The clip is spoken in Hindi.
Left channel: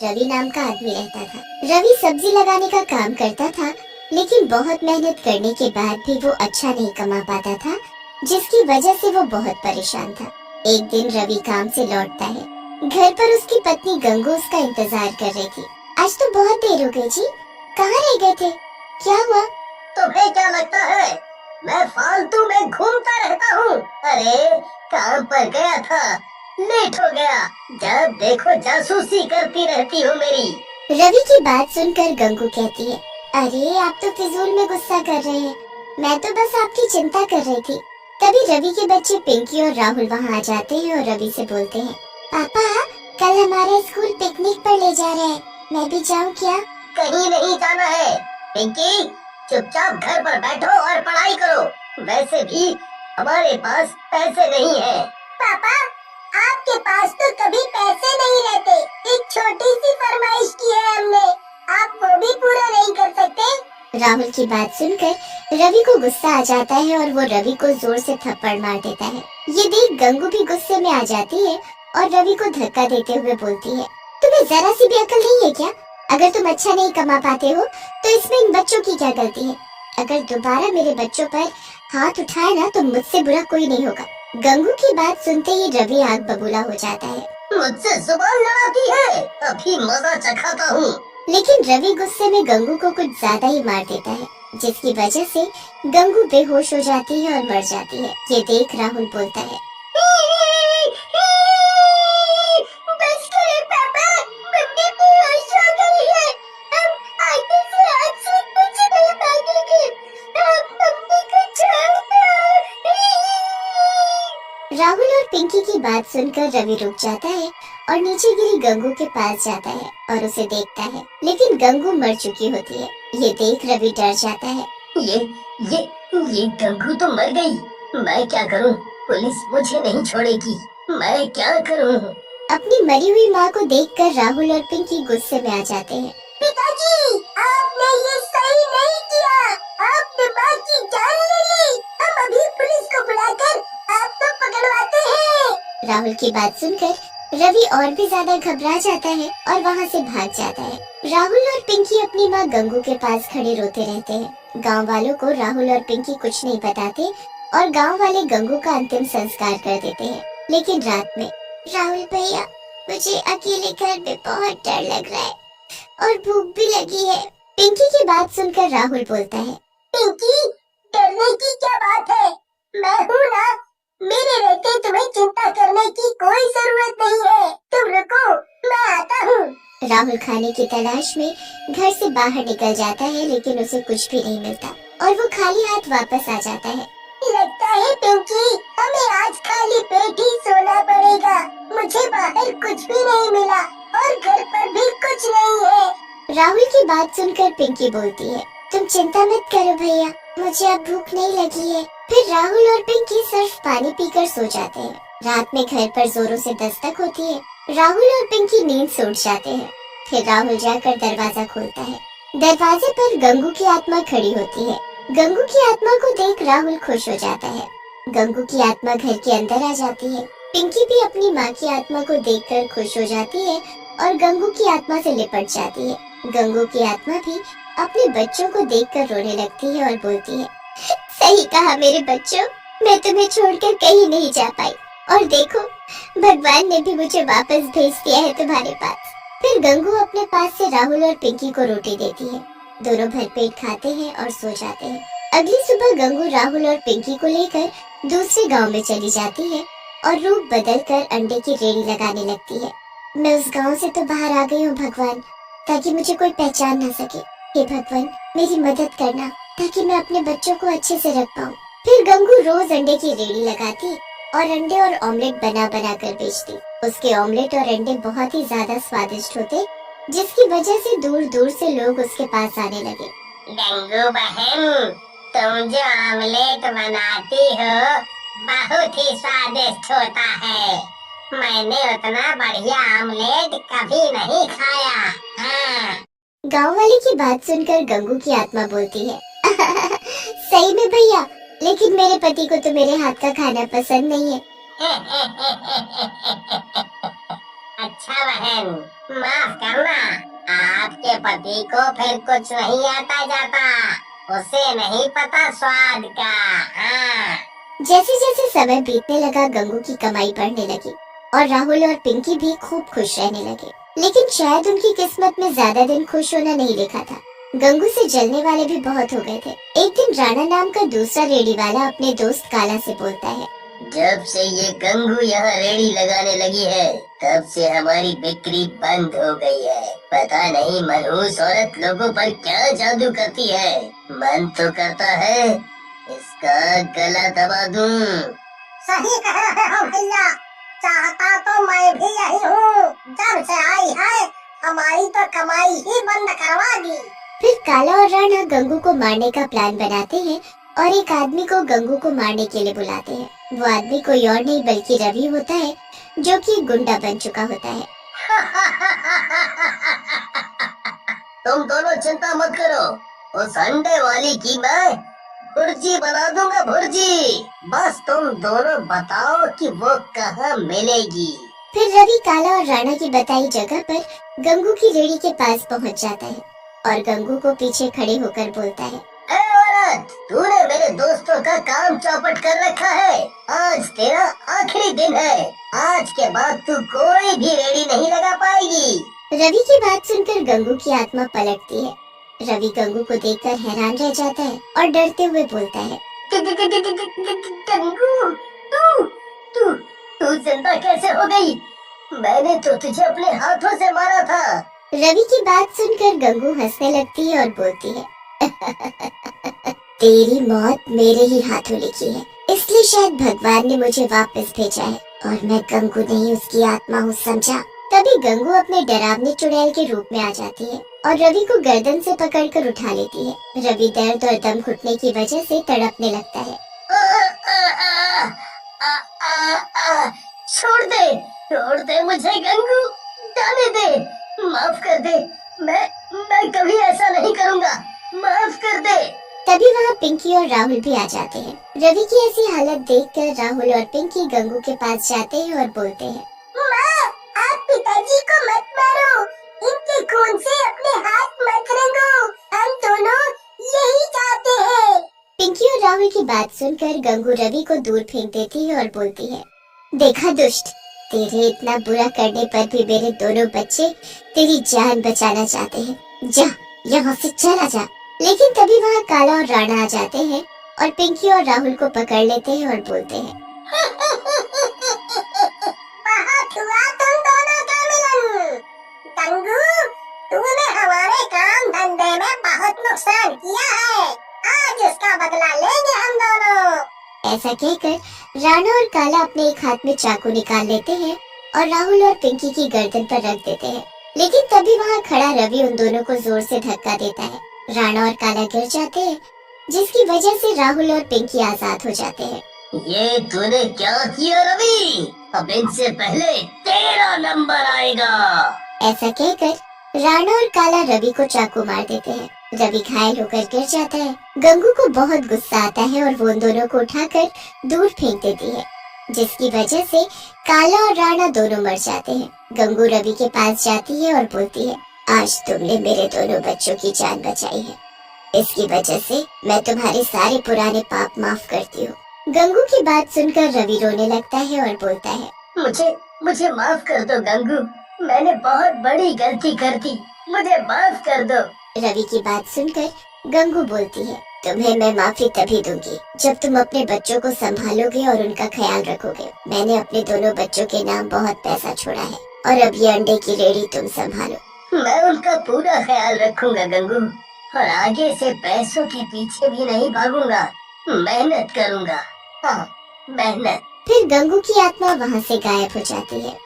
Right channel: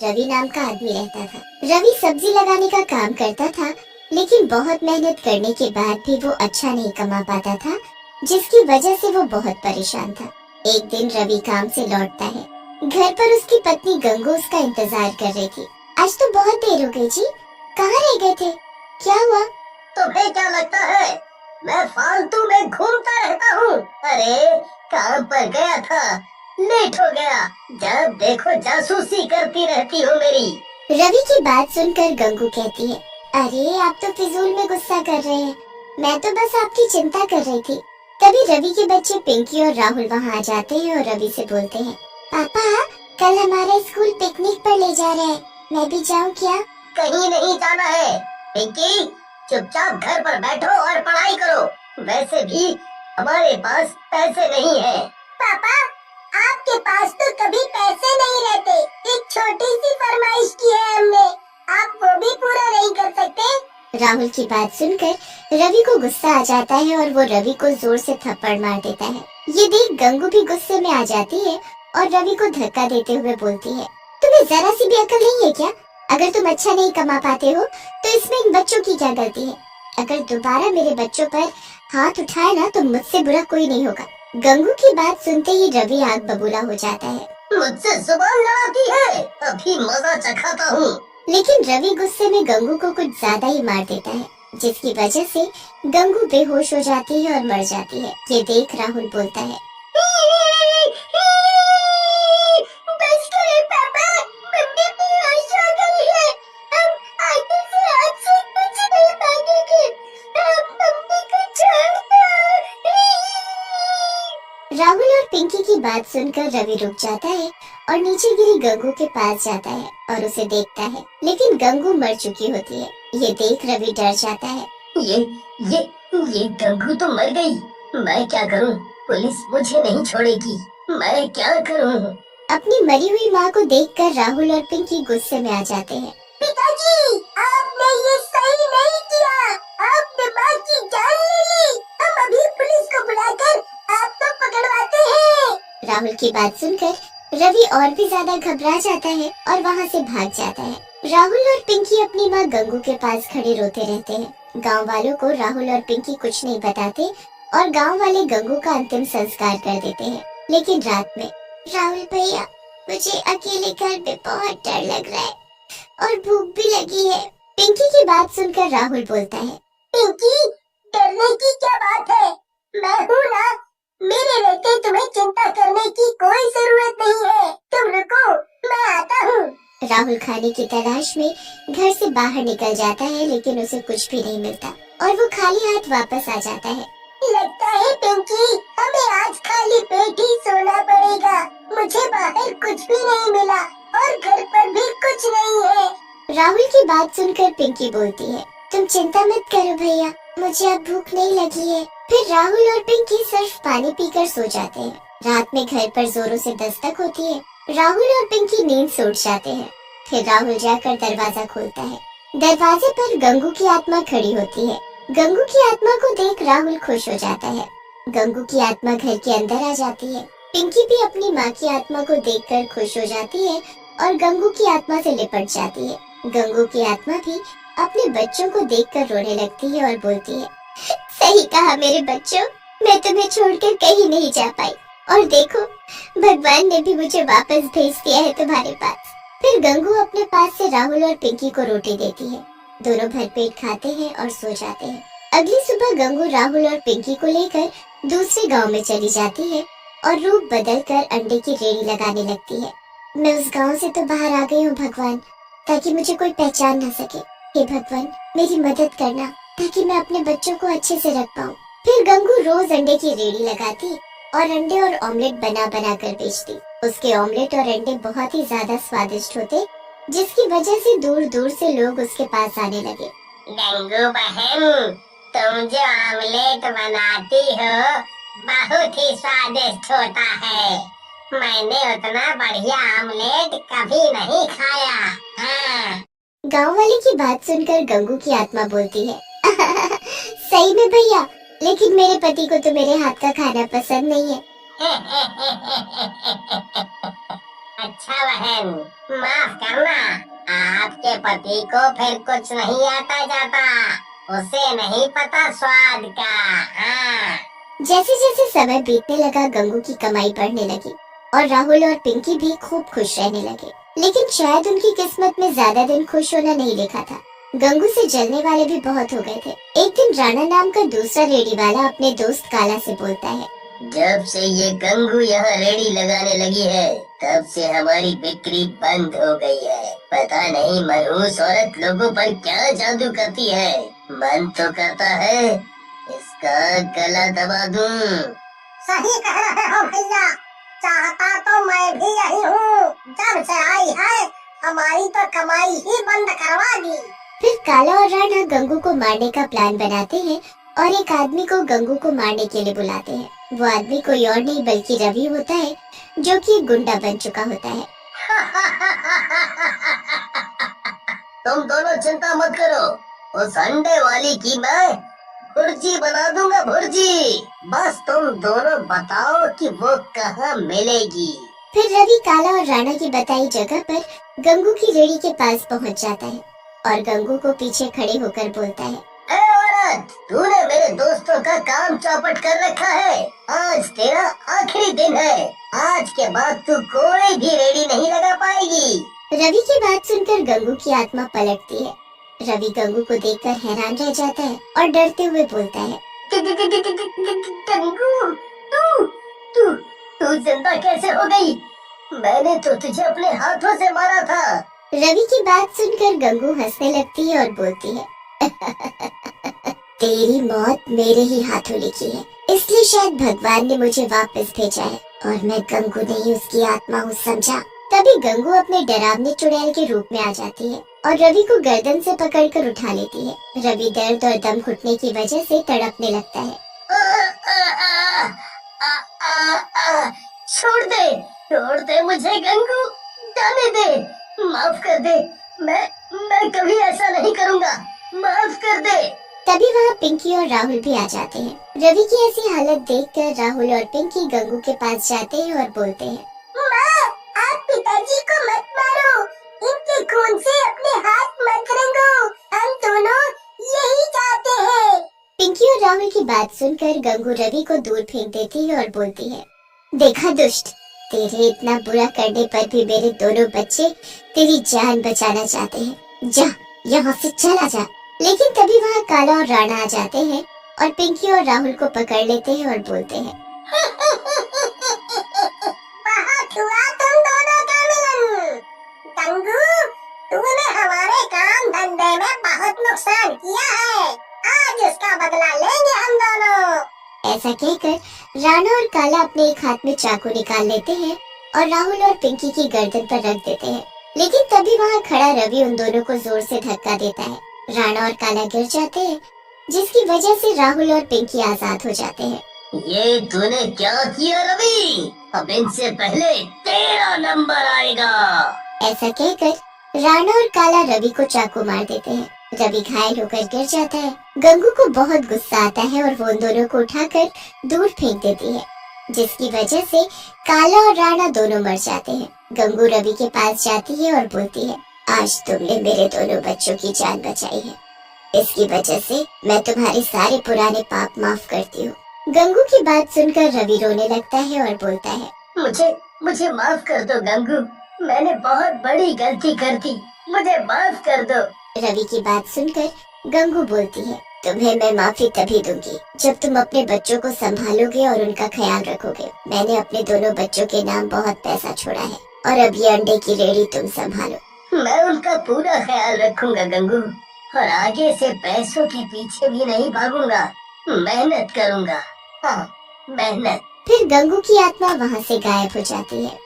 रवि नाम का आदमी रहता था। रवि सब्जी लगाने का काम करता था, लेकिन बहुत मेहनत करने के बाद भी वो अच्छा नहीं कमा पाता था, जिसकी वजह से वो बहुत परेशान था। एक दिन रवि काम से लौटता है। घर पर उसकी पत्नी गंगू उसका इंतजार कर रही थी। आज तो बहुत देर हो गई जी, कहाँ रह गए थे? क्या हुआ? तुम्हें क्या लगता है मैं फालतू में घूमता रहता हूँ? अरे काम पर गया था, लेट हो गया। जब देखो जासूसी करती रहती हो मेरी। रवि की बात सुनकर गंगू कहती है, अरे आप तो फिजूल में गुस्सा कर रहे हैं, मैं तो बस आपकी चिंता कर रही थी। तभी रवि के बच्चे पिंकी और राहुल वहाँ आ जाते हैं और रवि से बोलते हैं, पापा कल हमारा स्कूल पिकनिक पर ले जा रहे हैं, मैं भी जाऊँ क्या? कहीं नहीं जाना है पिंकी, चुपचाप घर पर बैठो और पढ़ाई करो। वैसे भी हमारे पास पैसे नहीं है। पापा आपके पास तो कभी पैसे नहीं रहते। एक छोटी सी फरमाइश की है हमने, आप वो भी पूरा नहीं कर सकते? राहुल की बात सुनकर रवि को गुस्सा आ जाता है और वो रवि को जोर से थप्पड़ मार देता है। ये देख गंगू भी गुस्से में आ जाती है और रवि को धक्का देते हुए बोलती है, तुम्हें जरा सी भी अकल नहीं है क्या? अगर तुम अच्छा नहीं कमा पाते हो तो इसमें इन बच्चों की क्या गलती है? अगर दोबारा मेरे बच्चों पर हाथ उठाए ना तो मुझसे बुरा कोई नहीं होगा। गंगू की बात सुनते ही रवि आग बबूला हो जाता है। मुझसे जुबान लड़ाती है, अभी मजा चखाता हूँ। लेकिन रवि गुस्से में गंगू को कुछ ज्यादा ही मार देता है, जिसकी वजह से गंगू बेहोश हो जाती है और मर जाती है। ये देख राहुल बोलता है, बस करो पापा, मम्मी बेहोश हो गई है। हम आगे से आपसे कुछ नहीं मांगेंगे, आप मम्मी को छोड़ दो। राहुल और पिंकी की बात सुनकर रवि रुक जाता है और नीचे गिरी गंगू के पास जाता है और उसे देखता है, लेकिन गंगू मर चुकी होती है। ये देख रवि डर जाता है। ये गंगू तो मर गई, मैं क्या करूं? पुलिस मुझे नहीं छोड़ेगी, मैं क्या करूं? अपनी मरी हुई माँ को देखकर राहुल और पिंकी गुस्से में आ जाते हैं। पिताजी, आपने ये सही नहीं किया, आपने माँ की जान ले ली। हम अभी पुलिस को बुलाकर आपको पकड़वाते हैं। राहुल की बात सुनकर रवि और भी ज्यादा घबरा जाता है और वहाँ से भाग जाता है। राहुल और पिंकी अपनी माँ गंगू के पास खड़े रोते रहते हैं। गांव वालों को राहुल और पिंकी कुछ नहीं बताते और गांव वाले गंगू का अंतिम संस्कार कर देते हैं। लेकिन रात में, राहुल भैया मुझे अकेले घर में बहुत डर लग रहा है और भूख भी लगी है। पिंकी की बात सुनकर राहुल बोलता है, पिंकी डरने की क्या बात है, मैं हूँ ना। मेरे रहते तुम्हें चिंता करने की कोई जरूरत नहीं है। तुम रुको, मैं आता हूँ। राहुल खाने की तलाश में घर से बाहर निकल जाता है, लेकिन उसे कुछ भी नहीं मिलता और वो खाली हाथ वापस आ जाता है। लगता है पिंकी हमें आज खाली पेट ही सोना पड़ेगा। मुझे बाहर कुछ भी नहीं मिला और घर पर भी कुछ नहीं है। राहुल की बात सुनकर पिंकी बोलती है, तुम चिंता मत करो भैया, मुझे अब भूख नहीं लगी है। फिर राहुल और पिंकी सिर्फ पानी पीकर सो जाते हैं। रात में घर पर जोरों से दस्तक होती है। राहुल और पिंकी नींद से उठ जाते हैं। फिर राहुल जाकर दरवाजा खोलता है। दरवाजे पर गंगू की आत्मा खड़ी होती है। गंगू की आत्मा को देख राहुल खुश हो जाता है। गंगू की आत्मा घर के अंदर आ जाती है। पिंकी भी अपनी माँ की आत्मा को देखकर खुश हो जाती है और गंगू की आत्मा से लिपट जाती है। गंगू की आत्मा भी अपने बच्चों को देखकर रोने लगती है और बोलती है, सही कहा मेरे बच्चों, मैं तुम्हें छोड़कर कहीं नहीं जा पाई और देखो भगवान ने भी मुझे वापस भेज दिया है तुम्हारे पास। फिर गंगू अपने पास से राहुल और पिंकी को रोटी देती है। दोनों भरपेट खाते हैं और सो जाते हैं। अगली सुबह गंगू राहुल और पिंकी को लेकर दूसरे गांव में चली जाती है और रूप बदलकर अंडे की रेडी लगाने लगती है। मैं उस गांव से तो बाहर आ गई हूँ भगवान, ताकि मुझे कोई पहचान न सके। हे भगवान मेरी मदद करना ताकि मैं अपने बच्चों को अच्छे से रख पाऊँ। फिर गंगू रोज अंडे की रेडी लगाती और अंडे और ऑमलेट बना बना कर बेचती। उसके ऑमलेट और अंडे बहुत ही ज्यादा स्वादिष्ट होते, जिसकी वजह से दूर दूर से लोग उसके पास आने लगे। गंगू बहन, तुम जो ऑमलेट बनाती हो बहुत ही स्वादिष्ट होता है। मैंने उतना बढ़िया ऑमलेट कभी नहीं खाया। हाँ। गाँव वाले की बात सुनकर गंगू की आत्मा बोलती है, सही में भैया, लेकिन मेरे पति को तो मेरे हाथ का खाना पसंद नहीं है। अच्छा बहन, माफ करना, आपके पति को फिर कुछ नहीं आता जाता, उसे नहीं पता स्वाद का। हाँ। जैसे जैसे समय बीतने लगा गंगू की कमाई बढ़ने लगी और राहुल और पिंकी भी खूब खुश रहने लगे। लेकिन शायद उनकी किस्मत में ज्यादा दिन खुश होना नहीं लिखा था। गंगू से जलने वाले भी बहुत हो गए थे। एक दिन राणा नाम का दूसरा रेडी वाला अपने दोस्त काला से बोलता है, जब से ये गंगू यहाँ रेड़ी लगाने लगी है तब से हमारी बिक्री बंद हो गई है। पता नहीं मनहूस औरत लोगों पर क्या जादू करती है। मन तो करता है इसका गला दबा दूं। सही कह रहे हो भैया, चाहता तो मैं भी यही हूँ। जब से आई है हमारी तो कमाई ही बंद करवा दी। फिर काला और राणा गंगू को मारने का प्लान बनाते हैं और एक आदमी को गंगू को मारने के लिए बुलाते हैं। वो आदमी कोई और नहीं बल्कि रवि होता है, जो कि एक गुंडा बन चुका होता है। तुम दोनों चिंता मत करो, उस अंडे वाली की मैं भुर्जी बना दूंगा, भुर्जी। बस तुम दोनों बताओ कि वो कहाँ मिलेगी। फिर रवि काला और राणा की बताई जगह पर गंगू की रेड़ी के पास पहुंच जाता है और गंगू को पीछे खड़े होकर बोलता है, ए औरत, तूने मेरे दोस्तों का काम चौपट कर रखा है। आज तेरा आखिरी दिन है। आज के बाद तू कोई भी रेड़ी नहीं लगा पाएगी। रवि की बात सुनकर गंगू की आत्मा पलटती है। रवि गंगू को देखकर हैरान रह जाता है और डरते हुए बोलता है, गंगू, तू तू तू जिंदा कैसे हो गई? मैंने तो तुझे अपने हाथों से मारा था। रवि की बात सुनकर गंगू हंसने लगती है और बोलती है, तेरी मौत मेरे ही हाथों लिखी है, इसलिए शायद भगवान ने मुझे वापस भेजा है और मैं गंगू नहीं उसकी आत्मा हूँ, समझा। तभी गंगू अपने डरावने चुड़ैल के रूप में आ जाती है और रवि को गर्दन से पकड़कर उठा लेती है। रवि दर्द और दम घुटने की वजह से तड़पने लगता है। छोड़ दे मुझे गंगू, जाने दे, माफ कर दे। मैं कभी ऐसा नहीं करूँगा, माफ कर दे। तभी वहाँ पिंकी और राहुल भी आ जाते हैं। रवि की ऐसी हालत देखकर राहुल और पिंकी गंगू के पास जाते हैं और बोलते हैं, माँ, आप पिताजी को मत मारो, इनके खून से अपने हाथ मत रंगो, हम दोनों यही चाहते हैं। पिंकी और राहुल की बात सुनकर गंगू रवि को दूर फेंक देती है और बोलती है, देखा दुष्ट, तेरे इतना बुरा करने पर भी मेरे दोनों बच्चे तेरी जान बचाना चाहते हैं। जा यहाँ से चला जा। लेकिन तभी वहाँ काला और राणा आ जाते हैं और पिंकी और राहुल को पकड़ लेते हैं और बोलते हैं, बहुत हुआ तुम दोनों का मिलन। गंगू, तूने हमारे काम धंधे में बहुत नुकसान किया है, आज इसका बदला लेंगे हम दोनों। ऐसा कहकर राणा और काला अपने एक हाथ में चाकू निकाल लेते हैं और राहुल और पिंकी की गर्दन पर रख देते हैं। लेकिन तभी वहाँ खड़ा रवि उन दोनों को जोर से धक्का देता है। राणा और काला गिर जाते हैं, जिसकी वजह से राहुल और पिंकी आजाद हो जाते हैं। ये तूने क्या किया रवि? अब इनसे पहले तेरा नंबर आएगा। ऐसा कहकर राणा और काला रवि को चाकू मार देते हैं। रवि घायल होकर गिर जाता है। गंगू को बहुत गुस्सा आता है और वो उन दोनों को उठाकर दूर फेंक देती है, जिसकी वजह से काला और राणा दोनों मर जाते हैं। गंगू रवि के पास जाती है और बोलती है, आज तुमने मेरे दोनों बच्चों की जान बचाई है, इसकी वजह से मैं तुम्हारे सारे पुराने पाप माफ करती हूँ। गंगू की बात सुनकर रवि रोने लगता है और बोलता है, मुझे माफ कर दो गंगू, मैंने बहुत बड़ी गलती कर दी, मुझे माफ कर दो। रवि की बात सुनकर गंगू बोलती है, तुम्हें मैं माफी तभी दूंगी जब तुम अपने बच्चों को संभालोगे और उनका ख्याल रखोगे। मैंने अपने दोनों बच्चों के नाम बहुत पैसा छोड़ा है और अब ये अंडे की रेडी तुम संभालो। मैं उनका पूरा ख्याल रखूंगा गंगू, और आगे से पैसों के पीछे भी नहीं भागूंगा, मेहनत करूंगा। हाँ, मेहनत। फिर गंगू की आत्मा वहाँ से गायब हो जाती है